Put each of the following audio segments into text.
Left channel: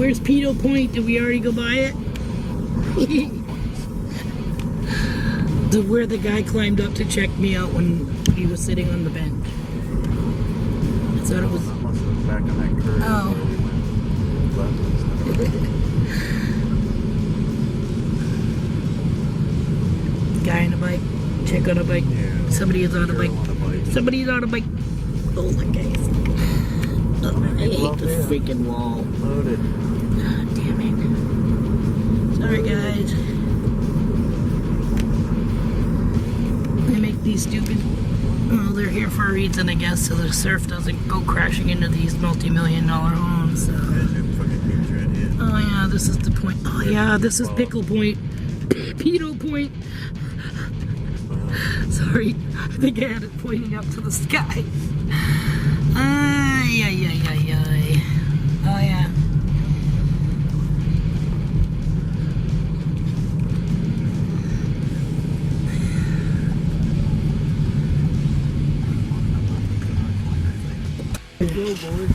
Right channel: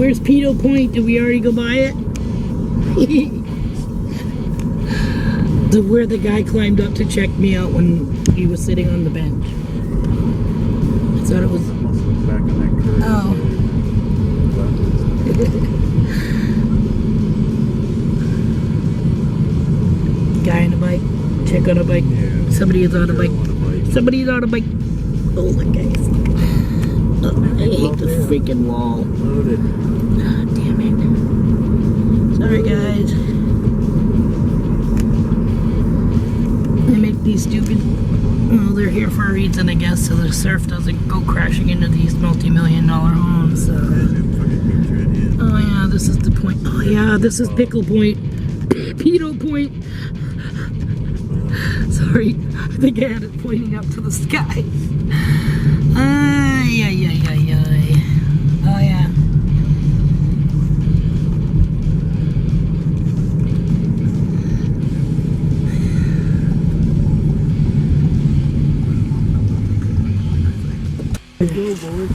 Where's Pedo Point? Did we already go by it? Where the guy climbed up to check me out when he was sitting on the bench. I thought it was... Back on that curve. Oh. Guy on a bike, chick on a bike, Yeah. somebody is on a bike. On a bike. Somebody's on a bike. Oh my guys. Oh, I hate the freaking wall. Loaded. Ah, damn it. Sorry guys. They make these stupid, well, they're here for a reason I guess, so the surf doesn't go crashing into these multi-million-dollar homes. So. Oh yeah, this is the point. Oh yeah, this is Pickle Point. Pedo Point. Sorry, I think I had it pointing up to the sky. Ay, ay, ay, ay, ay. Oh yeah. Go, boys.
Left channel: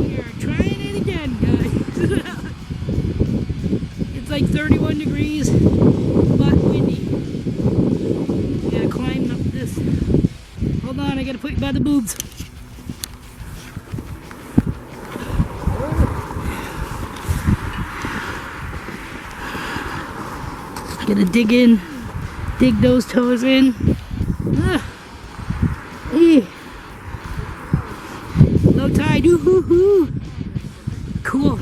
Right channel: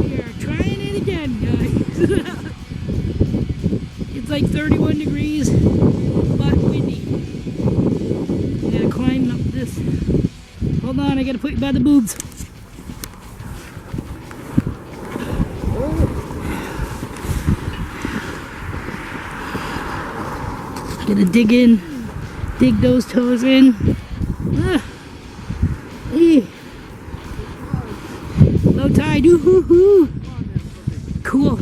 We are trying it again, guys. It's like 31 degrees, but windy. We gotta climb up this. Hold on, I gotta put you by the boobs. Gotta dig those toes in. Low tide, ooh-hoo-hoo. Cool.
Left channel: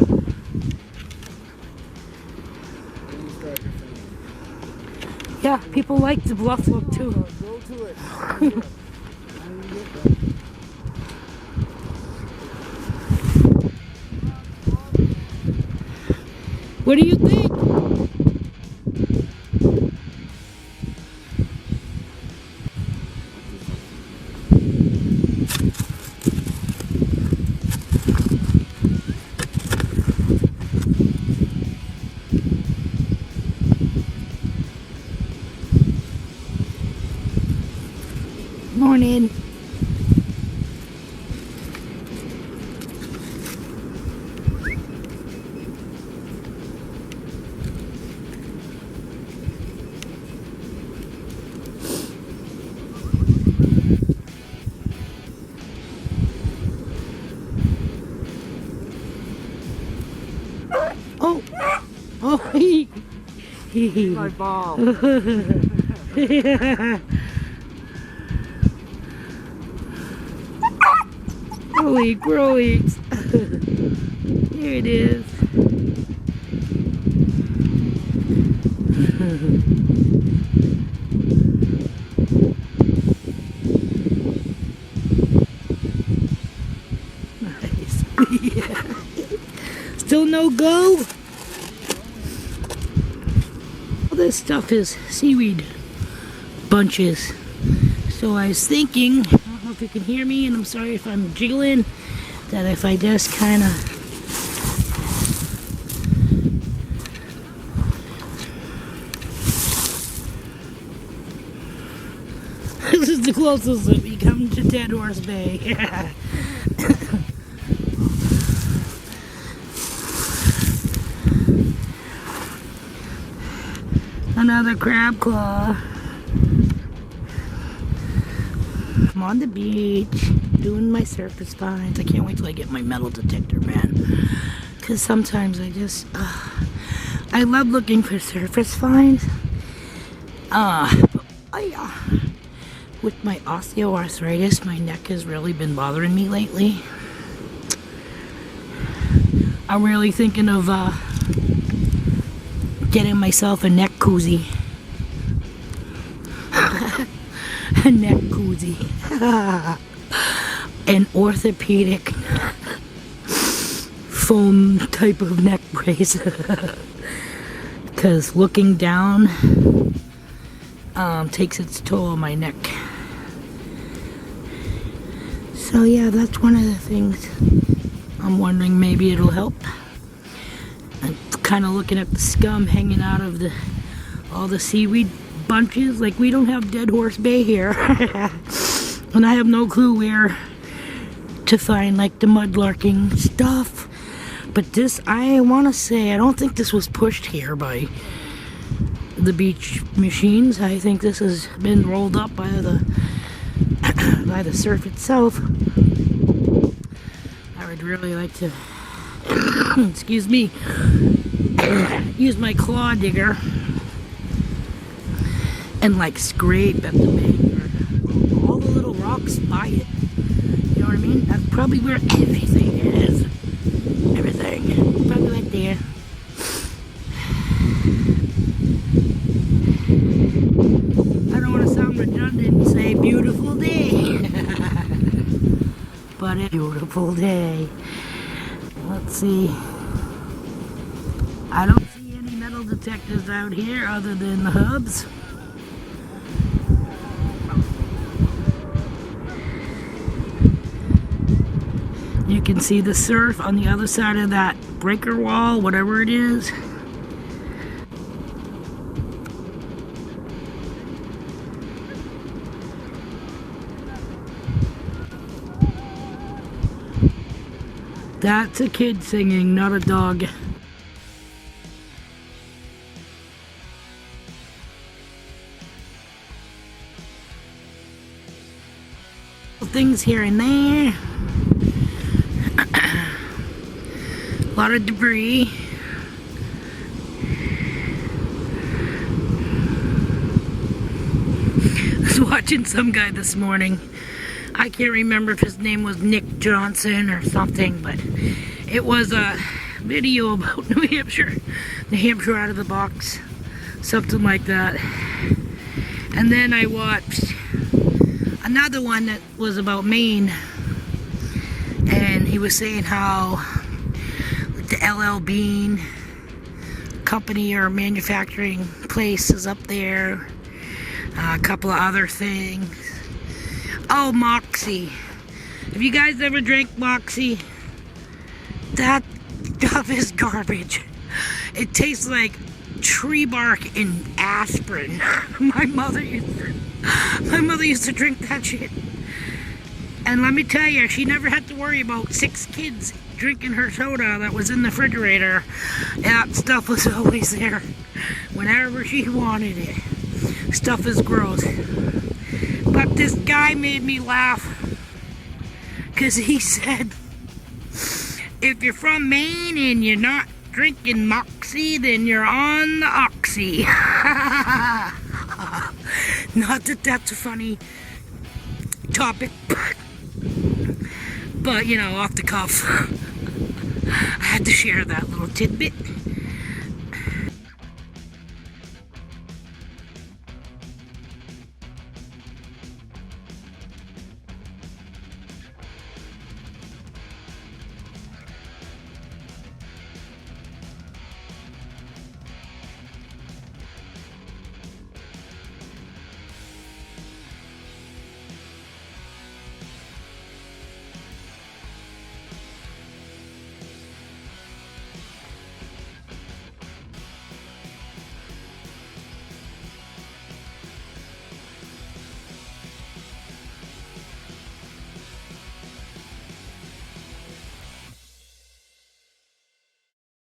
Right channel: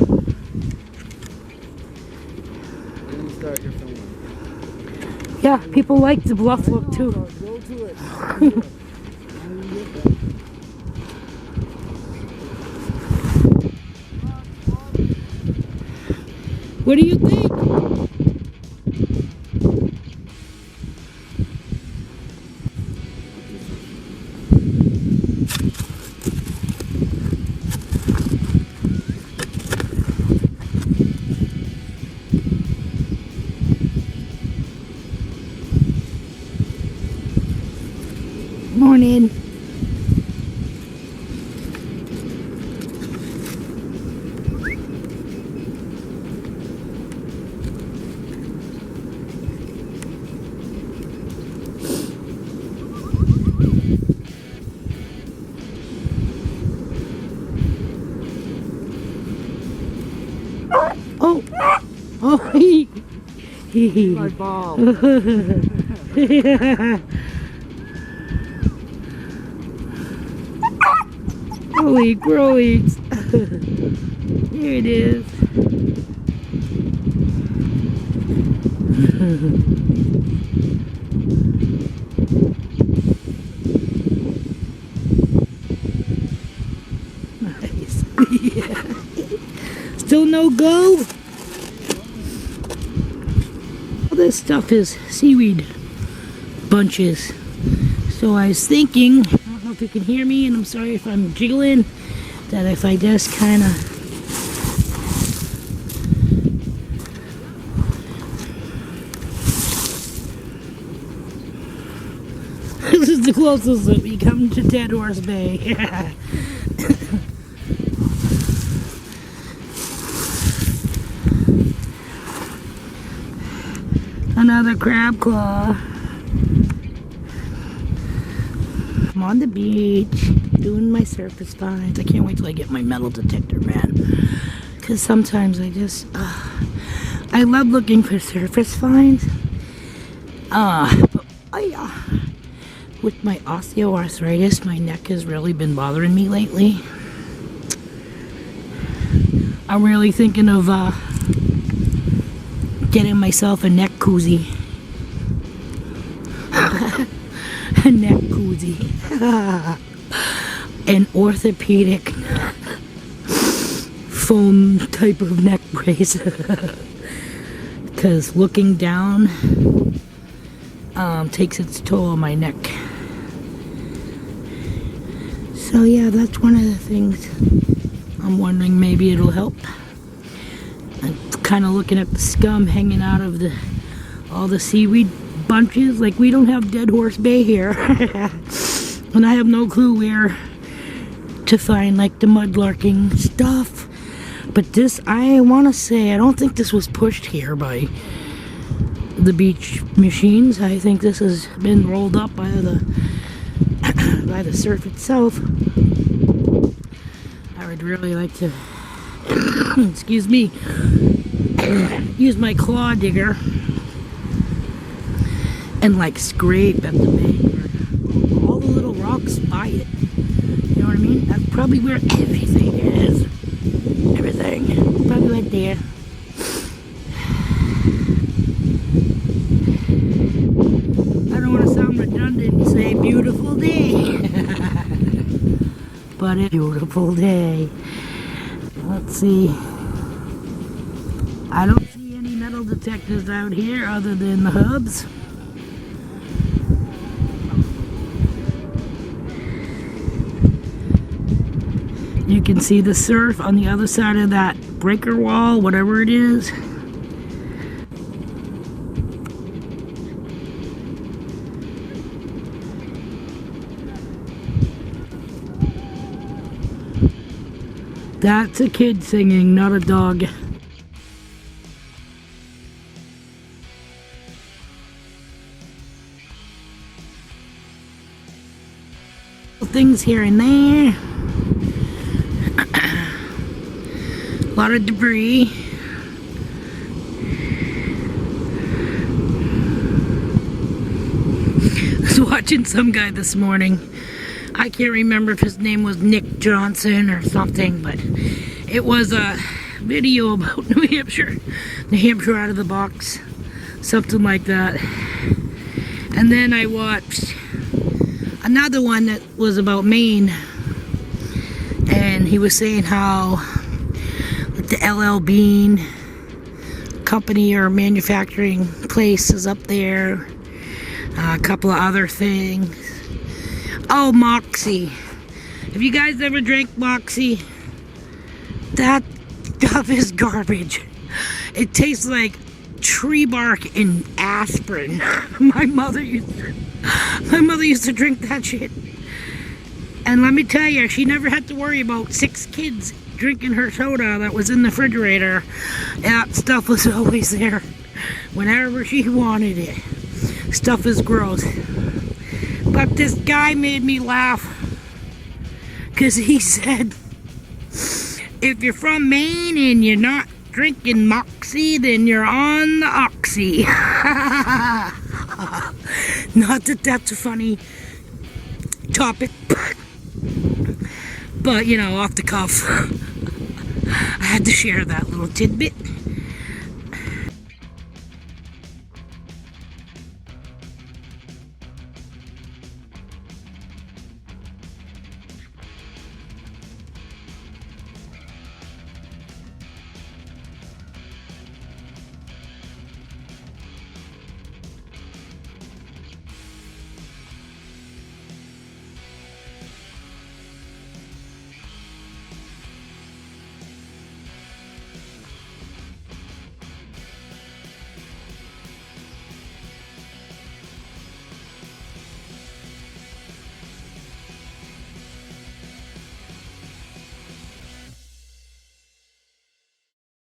Yeah, people like the bluff look too. Go to it. What do you think? Morning. Oh, oh, My ball. Holy growings. Here it is. Nice. Yeah. Still no go? All this stuff is seaweed bunches. So I was thinking, I don't know if you can hear me, and I'm sorry if I'm jiggling, that if I just kind of this is the closest that we come to Dead Horse Bay. Another crab claw. I'm on the beach doing my surface finds. I can't wait till I get my metal detector, man. Because sometimes I just, I love looking for surface finds. But with my osteoarthritis, my neck has really been bothering me lately. I'm really thinking of getting myself a neck koozie. A neck koozie. An orthopedic foam type of neck brace. Because looking down takes its toll on my neck. So yeah, that's one of the things I'm wondering, maybe it'll help. I'm kind of looking at the scum hanging out of all the seaweed bunches. Like, we don't have Dead Horse Bay here. And I have no clue where to find like the mudlarking stuff. But this, I want to say, I don't think this was pushed here by the beach machines. I think this has been rolled up by the by the surf itself. I would really like to excuse me, use my claw digger and like scrape at the bank or all the little rocks by it. You know what I mean? That's probably where everything is. Everything. Probably right there. I don't want to sound redundant and say beautiful day. But it's a beautiful day. Let's see. I don't see any metal detectors out here other than the hubs. You can see the surf on the other side of that breaker wall, whatever it is. That's a kid singing, not a dog. Things here and there. A lot of debris. I was watching some guy this morning. I can't remember if his name was Nick Johnson or something, but it was a video about New Hampshire out of the box, something like that. And then I watched another one that was about Maine, and he was saying how the LL Bean company or manufacturing place is up there, a couple of other things. Oh, Moxie. Have you guys ever drank Moxie? That stuff is garbage. It tastes like tree bark and aspirin. My mother used to drink that shit. And let me tell you, she never had to worry about 6 kids drinking her soda that was in the refrigerator. That stuff was always there whenever she wanted it. Stuff is gross. But this guy made me laugh because he said, if you're from Maine and you're not drinking Moxie, then you're on the oxy. Not that that's a funny topic, but you know, off the cuff, I had to share that little tidbit.